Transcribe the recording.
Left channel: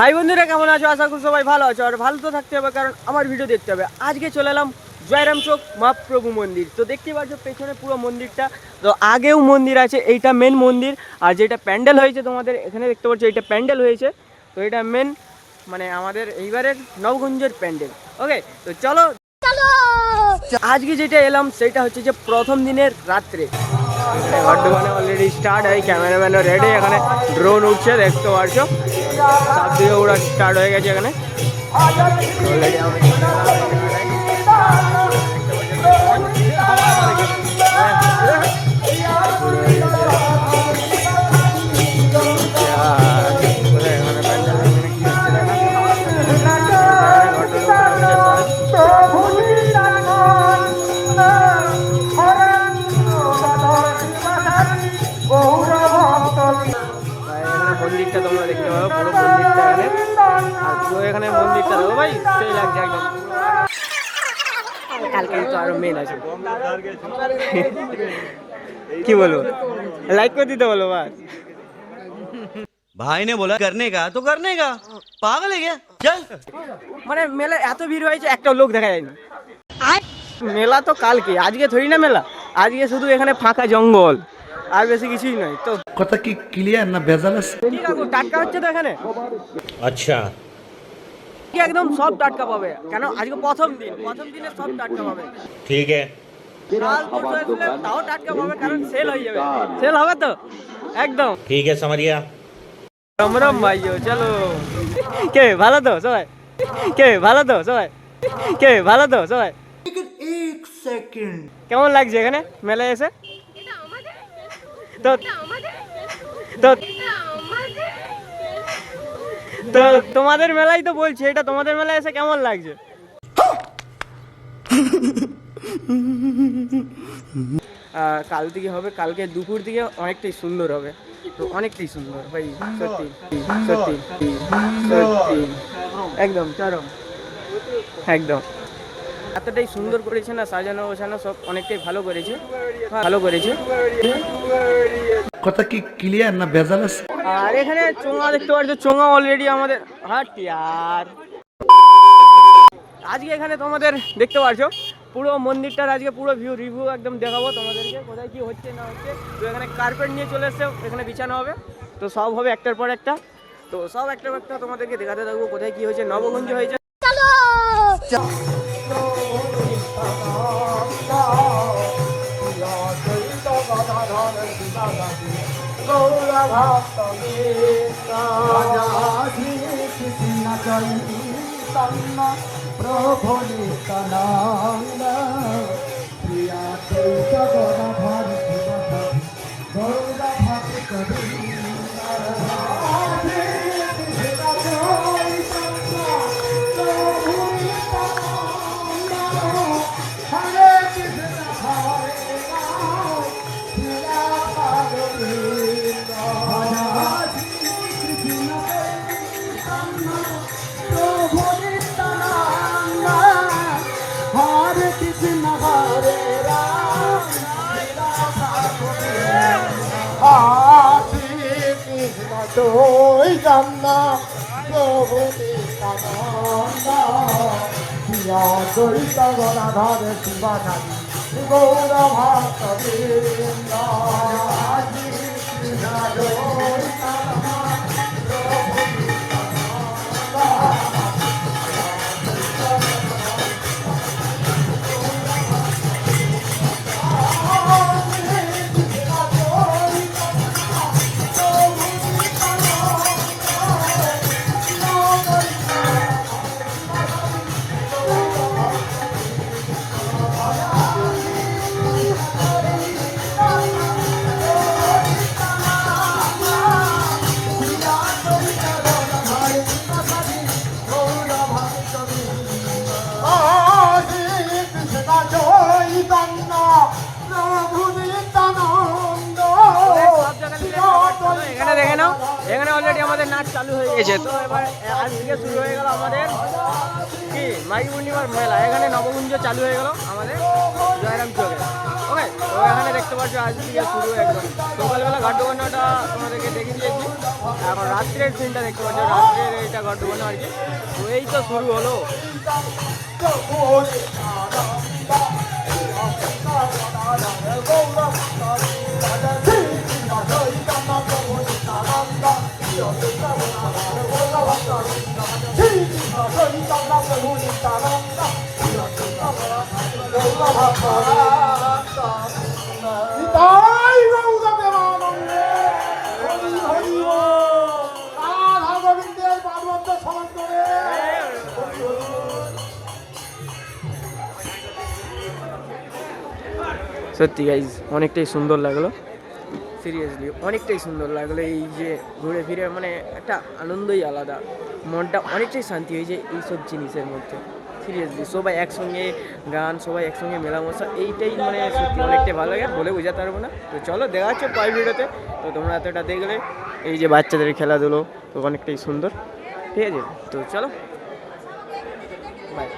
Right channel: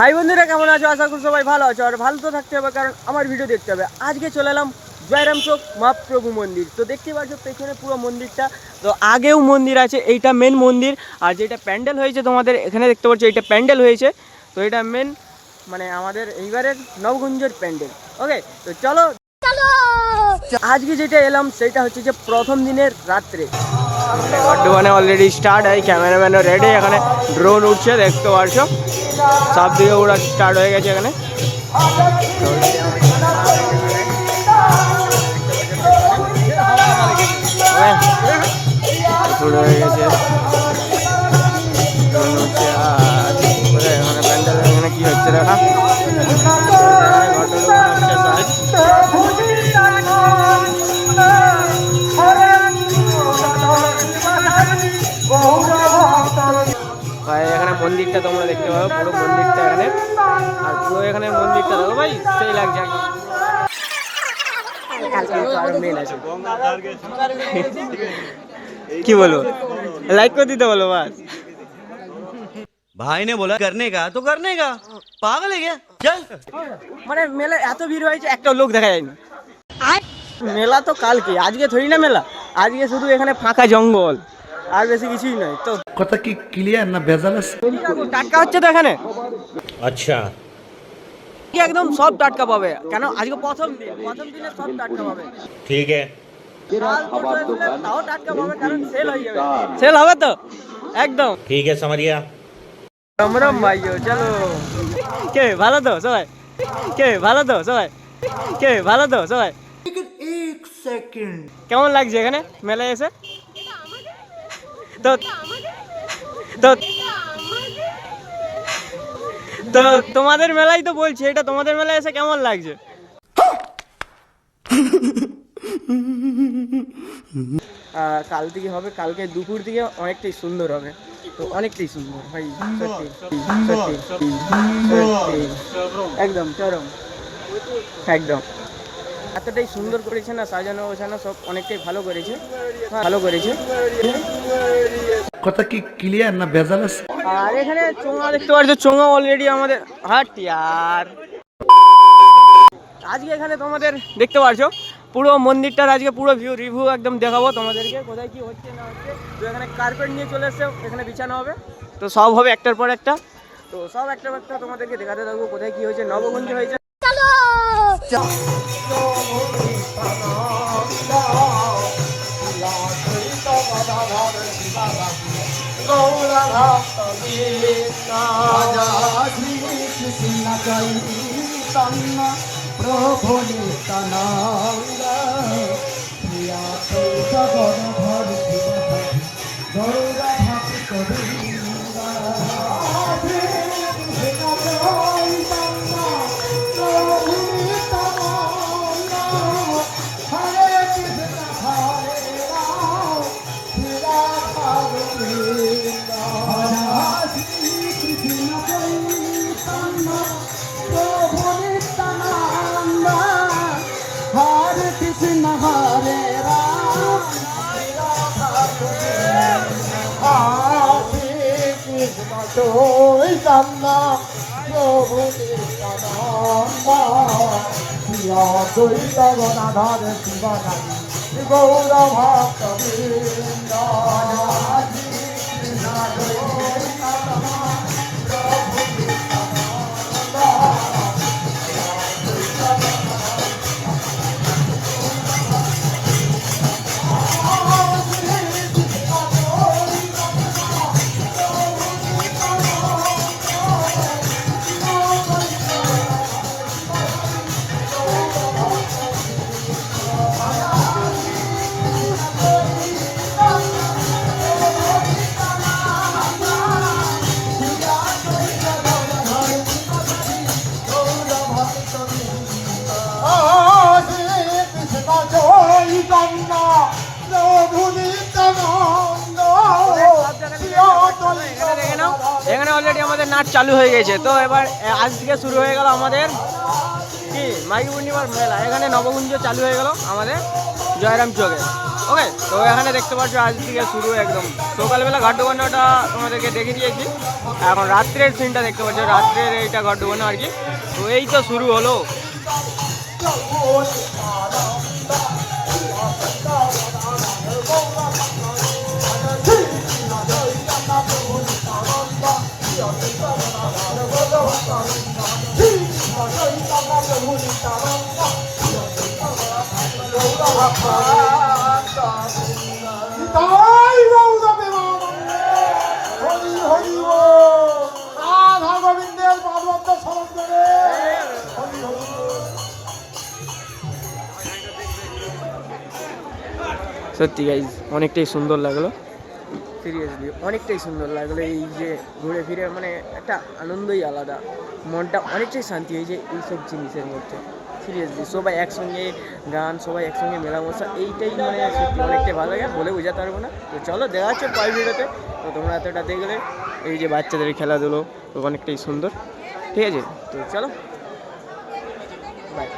High বন্ধুরা, কেমন আছো? আশা করি সবাই ভালো আছো আর ভালো তো থাকতে হবে, কারণ আমার ভিডিও দেখতে হবে। আজকে চলে এলাম জয়রাম চোখ মহাপ্রভু মন্দির। তো দেখতে পাচ্ছ, পেছনে পুরো মন্দিরটা। তো আগেও মন্দির আছে, এইটা মেন মন্দির। আর যেটা প্যান্ডেল হয়েছে তোমাদের, এখানে দেখতে পাচ্ছ, এইটা প্যান্ডেল হয়েছে। তো এটা মেন মানে আমাদের এইবারের নবগঞ্জের প্যান্ডেল। ওকে তো চলো। আজকে যেটা এলাম, সেটা হচ্ছে যে প্রথম দিনের রাত্রে। বর্ধমানে অলরেডি স্টার্ট হয় ক্যামেরাম্যানও রেডি এখানে ড্রোন উঠছে, দেখতে পারছ। সব দিকে ওরা স্টার্ট হয়ে গেছে এখানে। মন্দিরটা তোমরা দেখতে পাবে পুরো মন্দিরটা এখানে। আর পুরো এখানে মন্দিরটা দেখো ভাই সেই লাগছে একদম। কালকে তো আরও মেন আছে। কি বলব লাইক করে দিতে বলো বাস। ভাই নে বলা করনে কা তো করনে কা পাগল হয়ে গেল চল। মানে মেলা এত ভিড় হয়েছে একটা লোক দেখা যায়নি। মেলা তো কালকে আজকে থরি না মেলা? আজকে শুধু এখানে ফাঁকা জঙ্গল। আর বেশি কিছুই নাই তো। কথা কি ক্লিয়ার না ভেজাল আছে? টাটকা হচ্ছে তো এখানে। আচ্ছা। একদম সব টাটকা পাবে? কেন? আজকে প্রথম দিন প্রথম দিনে সব টাটকা পাবে। ঠিক আছে। তাও টাটকা পাবে কারণ সেল হয়ে যাবে। সেল হবে তো? একদম। ঠিক আছে সামারিয়া। রাম রাম ভাইও চলো। কে ভালো তো সবাই? কে ভালো তো সবাই? কে ভালো তো সবাই? এক কেমন লাগছে এখানে মেলায় এসে? তো তো তো তোমাদের মেলাই তো বলছি এটা তোমাদের মেলায় এসে কেমন লাগছে? কাল থেকে হবে কালকে দুপুর দিকে অনেকটাই সুন্দর হবে। তো অনেকটাই সুন্দর ভাই সত্যি সত্যি সত্যি একদম চরম। একদম। এতটাই সুন্দর করেছে না সাজানো গোছানো সব অনেকটাই ভালো করেছে। ভালো করেছে। কথা কি ক্লিয়ার না আছে? আর এখানে চোঙা দেখতে পাচ্ছ চোঙা অলরেডি আমাদের হাট আর আজকে এখানে তোমাদের দেখতে পাচ্ছ পুরো মন্দিরটার আজকে পুরো ভিউ রিভিউ একদম দেখাবো তোমাদেরকে কোথায় কি হচ্ছে না হচ্ছে। তো এখানে কার্পেট নিয়ে চলে এসছে এখানে বিছানো হবে। তো সব হবে একটার পর একটা। তো সব একটার পর একটা তোমাদেরকে দেখাতে থাকব কোথায় কি হয়েছে নবগঞ্জ হয়েছে। जयन्तं प्रभो प्रिया गौरा कवि এখানে এখানে অলরেডি আমাদের নাচ চালু হয়ে গেছে। তো এবার আজ থেকে শুরু হয়ে গেল আমাদের কি? মাঘী পূর্ণিমার মেলা। এখানে নবগুঞ্জ চালু হয়ে গেল আমাদের জয়রাম চোখে ওকে তো এখানে দেখতে পাচ্ছ, আজ থেকে শুরু একদম। সকালবেলা ঘাট ডোবানোটা তোমাদেরকে দেখে দিয়েছি। এখন রাত্রের সিনটা দেখতে পাচ্ছ, রাত্রের এইটা ঘাট ডোবানো আর কি। তো এই তো শুরু হলো। সত্যি গাইজ অনেকটাই সুন্দর লাগল। সিরিয়াসলি অনেকটাই সুন্দর লাগল এই যে ঘুরে ফিরে মানে একটা আনন্দই আলাদা। মনটা অনেকটাই শান্তি হয়েছে এইসব জিনিসের মধ্যে। সিরিয়াসলি সবাই একসঙ্গে গান, সবাই একসঙ্গে মেলামশা, এইটাই মানে সত্যি অনেকটাই ভালো লাগে, বলে বোঝাতে পারব না। তো চলো, দেখা যাচ্ছে পরের ভিডিওতে। তো তোমরা এতটা দেখলে, এই যে বাচ্চাদের খেলাধুলো, তো অনেকটাই সুন্দর। ঠিক আছে, তো চলো। বাই